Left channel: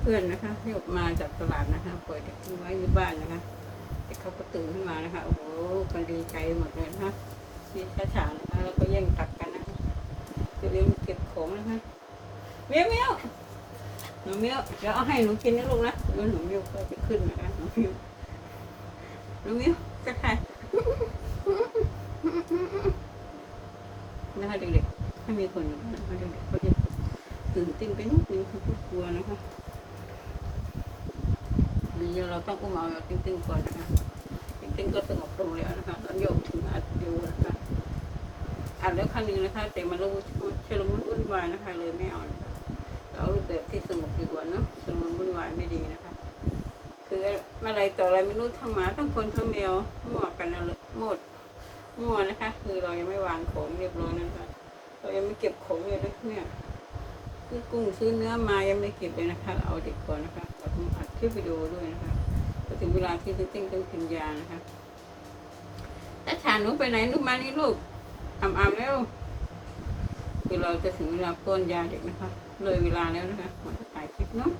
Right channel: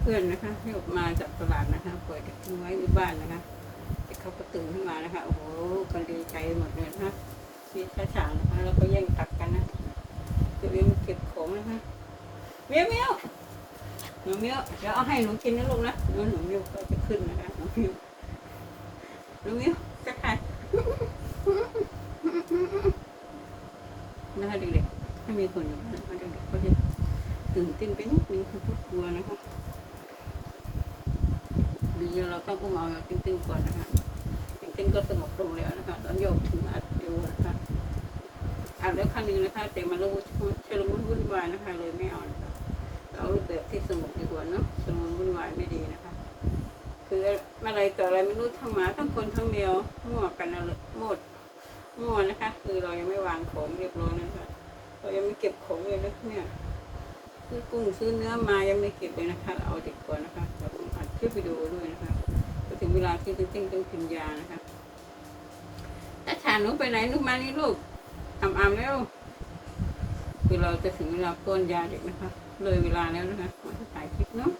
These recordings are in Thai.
เพื่อนๆนะคะที่ออกมาจากตลาดนะคะปล่อยด็กทิ้งไว้ที่บ้านนะคะเด็กเขาก็ตื่นขึ้นมานะคะโอ้โหกันดีใจหมดเลยนะคะมีข้าฉางนะคะแล้วก็แย่งตัดกันนะคะตัวเองเก็บของนะคะเมียวเมียวหนูเมียวเดี๋ยวเอาให้หนูกินนะลูกนะเดี๋ยวหนูเมียวก็จะขึ้นนะคะหนูเมียวหนูเมียวจะถ่ายนะคะเด็กๆถ้ามีคนอยู่นะคะเด็กๆเขาจะตื่นเต้นไปนิดนึงคือพวกกลัวนะคะ เดี๋ยวเราต้องอุ้มเอาเราติ้งๆก่อนนะคะติ้งๆก็สงบลงแล้วนะคะแล้วโยกถึงอัดดูนะคะอ่านแล้วครั้งนึงนะคะ แต่มาเราชุลมุนวุ่นวายนะคะ เลยไม่เอานเอาแบบที่สงบดีกว่าเนอะชุลมุนวุ่นวายไม่ดีนะคะ คืออะไรต่ออะไรไม่รู้ทั้งหมาทั้งคนทั้งแมวมั่วกันอะไรหมดมั่วนะคะ คือเรายังไม่วางของเรียบร้อยนะคะเรายังไม่เก็บของเลยนะเนี่ย ซื้อกุ้งซื้อเนื้อมายังไม่เก็บเลยนะคะเอาเด็กก่อนนะคะเราต้องอัดคลิปวิดีโอด้วยนะคะพอถึงเวลาที่จะติ้งต้องกินยานะคะถ้าขาหนูไปไหนลูกมานี่ลูกอ่ำอ่ำแล้วคือเราจะถึงเวลาป้อนยาเด็กนะคะ เลยเวลาแล้วนะคะเราจะถ่ายคลิปเนาะ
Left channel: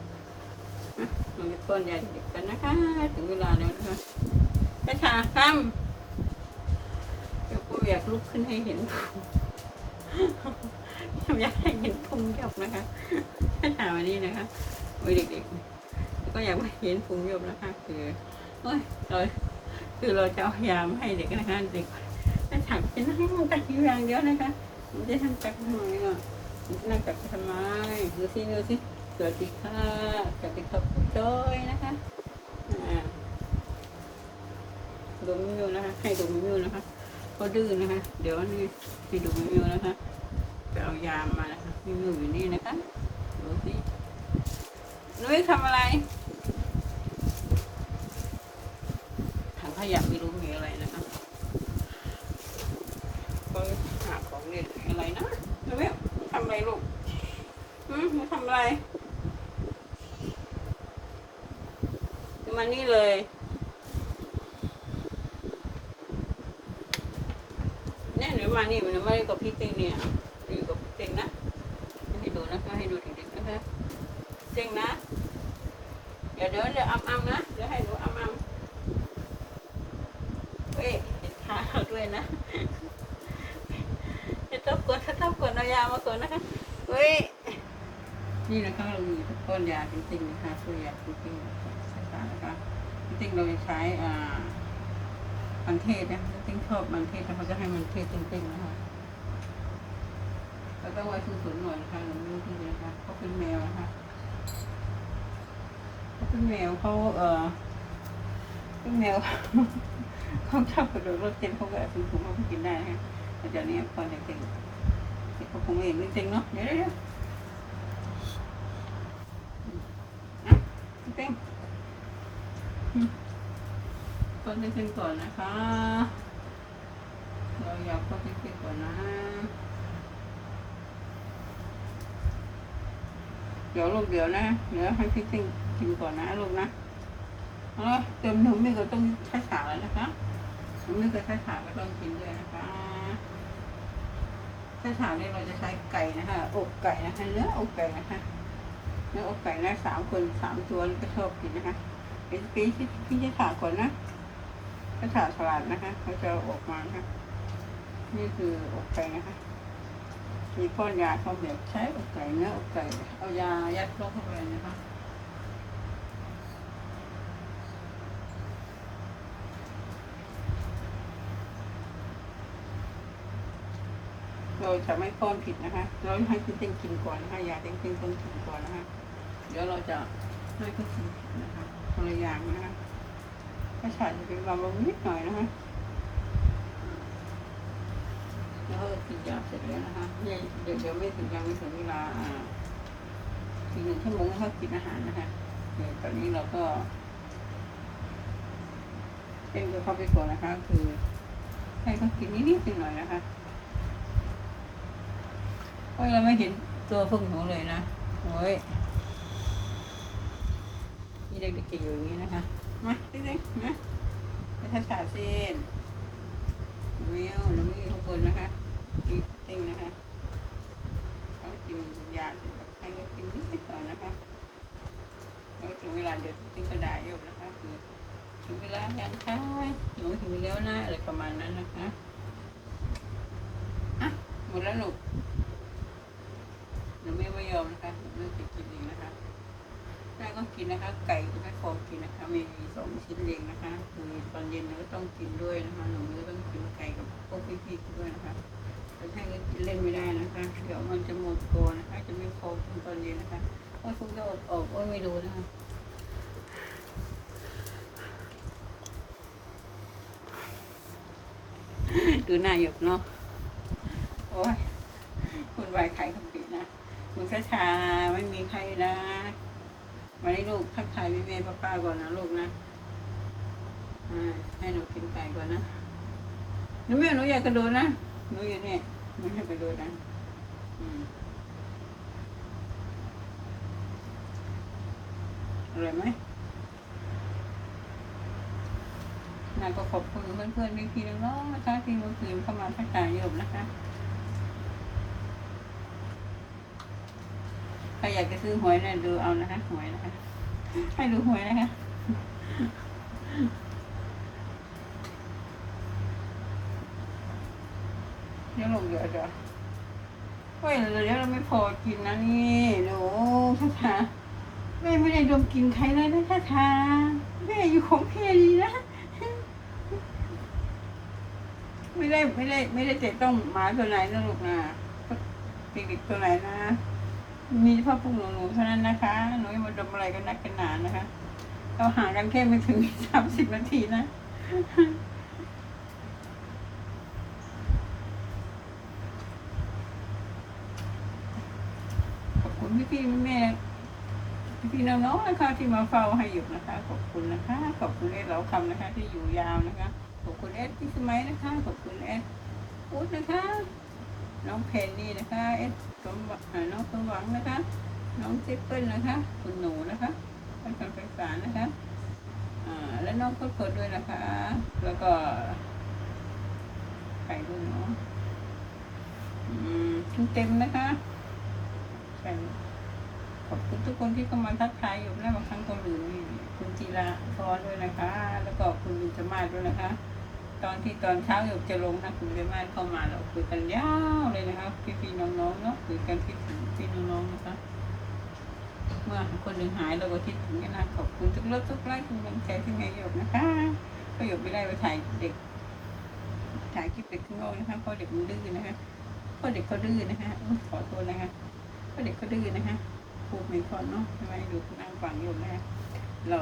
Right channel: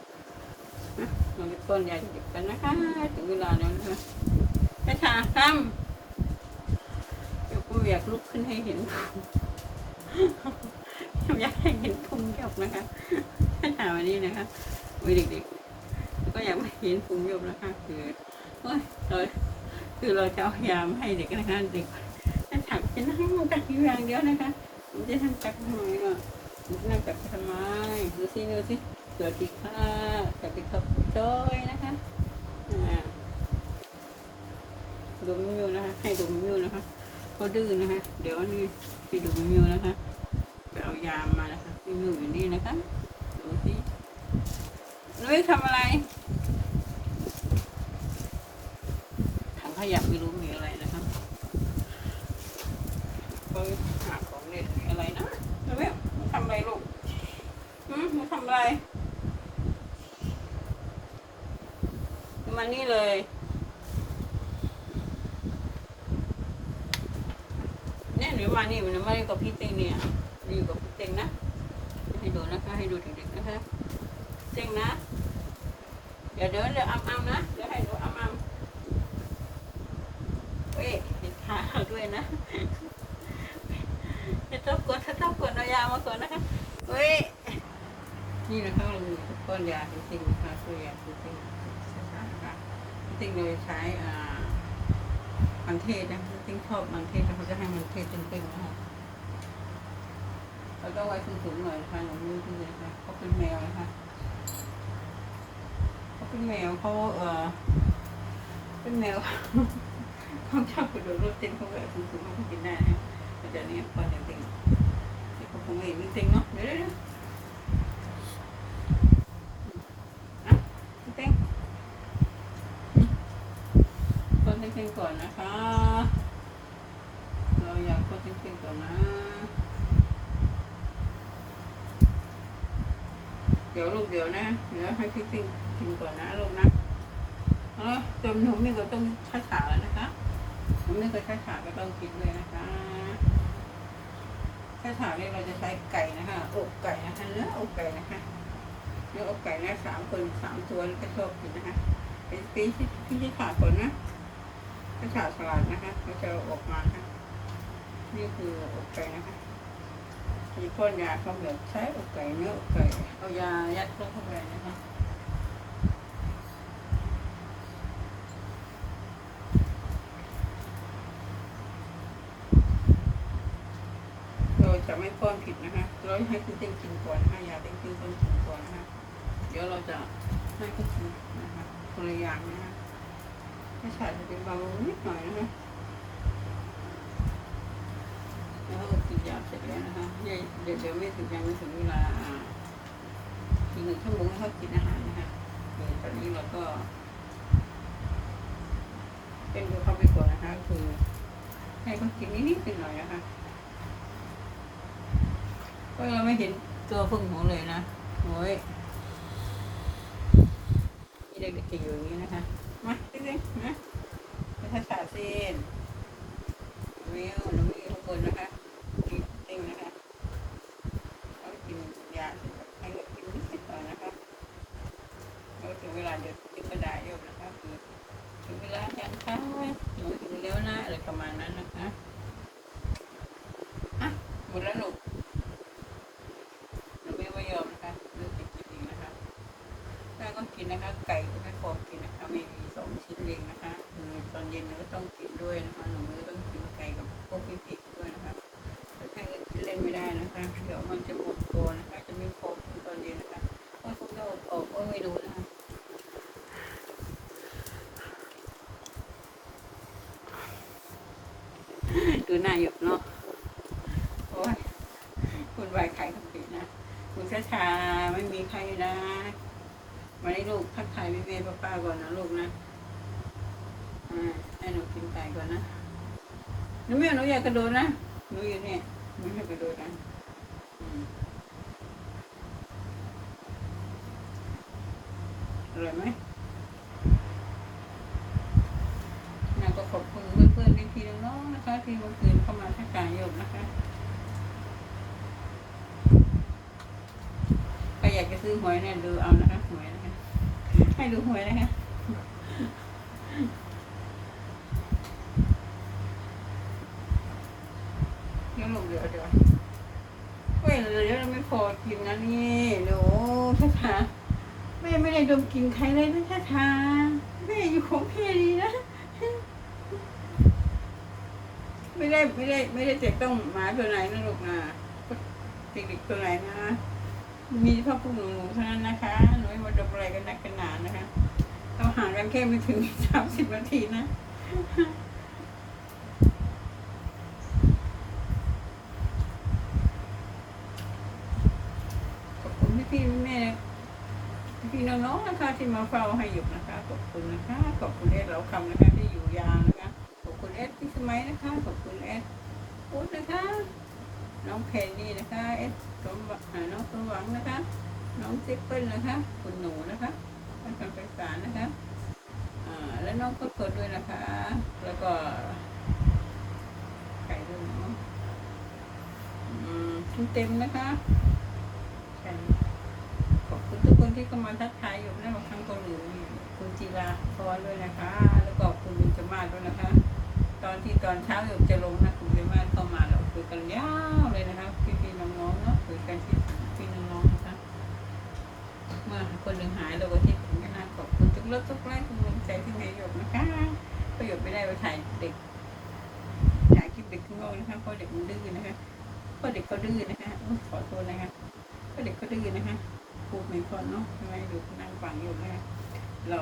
นะเราจะป้อนยาเด็กกันนะคะ ถึงเวลาแล้วนะคะถ้าขาคำเดี๋ยวก็อยากลุกขึ้นให้เห็น อยากให้เห็นพุงหยกนะคะถามวันนี้นะคะโอ้ยเด็กๆ ก็อยากให้เห็นพุงหยกนะคะ คือเราคือเราจะเอายามให้เด็กนะคะเด็กถ้าถามจะนั่งตักอยู่อย่างเดียวนะคะมันจะทำตักทำไมก็นั่งตักไปทำไมดูสิดูสิสวัสดีค่ะสวัสดีครับคุณจอยนะคะดมมิวนะคะ ให้ดมมิวนะคะเขาดื้อนะคะ เดี๋ยวนี่ให้ดมมิวนะคะ ยามมานะคะมีอยู่อยู่นี่นะคะดูสินุ้ยทำอะไรถังขยะไม่รู้มีอะไรนะคะก็หาของเด็ดมีอะไรนะนุ้ยทำอะไรลูกหืมนุ้ยทำอะไรมานี่เลยเนี่ยหรือมานี่มันไม่ได้กับพี่เต้เนี่ยอยู่กับ เต็งนะให้ดูนะคะให้ดูเด็กๆนะคะเต็งนะเดี๋ยวเดี๋ยวเดี๋ยวอ้ำๆนะเดี๋ยวให้ดูอ้ำๆเฮ้ยเห็นขาด้วยนะจะต้องกดจะต้องกดเอายามาก่อนนะคะเฮ้ยนี่นะคะเรามีก้อนยาจริงๆนะคะตัวยาจริงๆใช่ค่ะนะคะจริงๆเราใช้อ่ามันเทศนะจริงๆชอบมันเทศแต่เขาจะให้มันเทศจริงๆนะคะ แล้วก็ไว้สูงๆหน่อยนะคะหนูมือที่เลยนะคะเขาเป็นแมวนะคะเขาเป็นแมวเขาเออเป็นแมวเขาชอบกระโดดรถเต้นเขาแบบสูงๆเขาก็กินได้นะแต่เดี๋ยวนี้พอจะเป็นเขาคงไม่เห็นไม่จริงเนาะเดี๋ยวเดี๋ยวอะเต้นคนเต้นก่อนนะคะ เราอยากคนเต้นก่อนนะ ดี๋ยวลูกเดี๋ยวนะ เดี๋ยวให้พี่กินกินก่อนนะลูกนะเออจนหนูไม่ก็ต้องใช้ขาแล้วนะคะหนูไม่เคยใช้ขาก็ต้องกินด้วยนะคะใช้ขาเนี่ยเราจะใช้ไก่นะคะอกไก่นะคะเนื้ออกไก่นะคะเนื้ออกไก่นะสามคนสามตัวก็ชอบกินนะคะเดี๋ยวพี่พี่ใช้ขาก่อนนะใช้ขาสลัดนะคะเขาจะอออกมานะคะนี่คืออกไก่นะคะ มีพ่นยาเขาแบบใช้อกไก่เนื้ออกไก่เอายายัดเข้าไปนะคะเราจะไม่ป้อนผิดนะคะเราให้คุณเต็งกินก่อนนะคะยาเต็งกินต้องกินก่อนนะคะเดี๋ยวเราจะให้เขากินนะคะคนละอย่างนะคะถ้าฉาดจะเป็นบางนิดหน่อยนะคะ แล้วก็กินยาเสร็จแล้วนะคะเดี๋ยวเดี๋ยวไม่ถึงยังไม่ถึงเวลาอ่าอีกหนึ่งชั่วโมงให้เขากินอาหารนะคะเดี๋ยวตอนนี้เราก็ เป็นดูเขาไปก่อนนะคะ คือให้เขากินนิดๆหน่อยนะคะเพราะเราไม่เห็นตัวพึ่งของเลยนะโอ้ยนี่เด็กๆอยู่อย่างนี้นะคะมาจริงๆนะให้ถ่ายเส้นวิวหรือมีทุก คนนะคะมีติ้งนะคะเขากินยาให้เด็กกินนิดหน่อยนะคะลาเดี๋ยวติ๊กกระดาษอยู่นะคะคือถึงเวลาแล้วนะคะหนูถึงแล้วนะอะไรประมาณนั้นนะคะอะหมดแล้วหนูหนูไม่ไม่ยอมนะคะหนูจะกินเองนะคะแม่ก็กินนะคะ ไก่แม่โคกินนะคะมีสองชิ้นเองนะคะ คือตอนเย็นหนูก็ต้องกินด้วยนะคะหนูไม่ต้อง พวกพี่ๆด้วยนะคะแต่แค่กินเล่นไม่ได้นะคะ เดี๋ยวมันจะหมดตัวนะคะ จะไม่โคกินตอนเย็นนะคะเพราทุกโรคออกก็ไม่รู้นะคะดูหน้าหยกเนาะโอ้ยคุณวายขายคำผิดนะคุณช้าชาไม่มีใครนะวันนี้ลูกทักทายพี่เมย์ป้าๆก่อนนะลูกนะ อ่า ให้หนูกินไก่ก่อนนะ หนูไม่เอาหนูอยากกระโดดนะหนูอยู่เนี่ยหนูให้กระโดดนะอืมอร่อยไหมนะก็ขอบคุณเพื่อนๆพี่ๆน้องนะคะที่เมื่อคืนเข้ามาทักทายโยมนะคะใครอยากจะซื้อหวยเนี่ยดูเอานะคะหวยนะคะให้ดูหวยนะคะเดี๋ยวลงเดือดเดี๋ยวเฮ้ยเดี๋ยวเรา ไม่พอกินนะนี่หนูช้าช้าแม่ไม่ได้ดมกลินใครเลยนะช้าช้าแม่อยู่ของเพดีนะไม่ได้ไม่ได้ ไม่ได้เจะต้องหมาตัวไหนนะลูกนะติดิกตัวไหนนะ มีเฉพาะพวกหนูหนูเท่านั้นนะคะหนูไม่มาดมอะไรกันนักกันหนานะคะเราห่างกันแค่ไม่ถึงสามสิบนาทีนะ ขอบคุณ พี่พี่แม่พี่น้องๆนะคะที่มาเฝ้าให้อยู่นะคะ ขอบคุณนะคะ ขอบคุณเอสเราทำนะคะที่อยู่ยาวนะคะ ขอบคุณเอสพี่สมัยนะคะ ขอบคุณเอสอุ๊ดนะคะ น้องเพนนี่นะคะเอสสมหน้องสมหวังนะคะ น้องเจเปิ้ลนะคะ คุณหนูนะคะท่านคำภาษานะคะอ่าและน้องก็เปิดด้วยนะคะ แล้วก็ใครด้วยเนาะอืมเต็มนะคะแต่ขอบคุณทุกคน ทักทายอยู่และบางครั้งก็ลืมคุณจีราพรด้วยนะคะ แล้วก็คุณจมาด้วยนะคะ ตอนที่ตอนเช้าอยู่จะลงนะคุณจมาเข้ามาเราคุยกันยาวเลยนะคะพี่ๆน้องๆเนาะคุยกันที่พี่น้องๆนะคะเมื่อคนหนึ่งหายเราก็คิดถึงกันนะขอบคุณทุกเรื่องทุกไลค์ทุกกำลังใจที่แม่หยกนะคะประโยชน์ไม่ได้ไปถ่ายเด็กถ่ายคลิปเด็กข้างนอกนะคะเพราะเด็กมันดื้อนะคะเพราะเด็กเขาดื้อนะคะขอโทษนะคะเพราะเด็กเขาดื้อนะคะ พูดไม่ค่อยเนาะทำไมดูนั่งฟังอยู่แม่เรา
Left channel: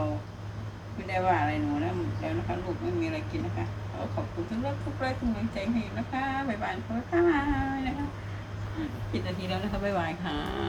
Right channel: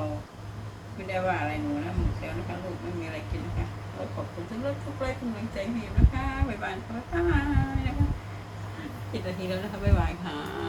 ไม่ได้ว่าอะไรหนูนะแล้วนะคะลูกไม่มีอะไรกินนะคะขอขอบคุณทุกเรื่องทุกไลค์ทุกเมงใจให้อยู่นะคะบ๊ายบายค่ะบ๊ายบายนะคะกินนาทีแล้วนะคะบ๊ายบายค่ะ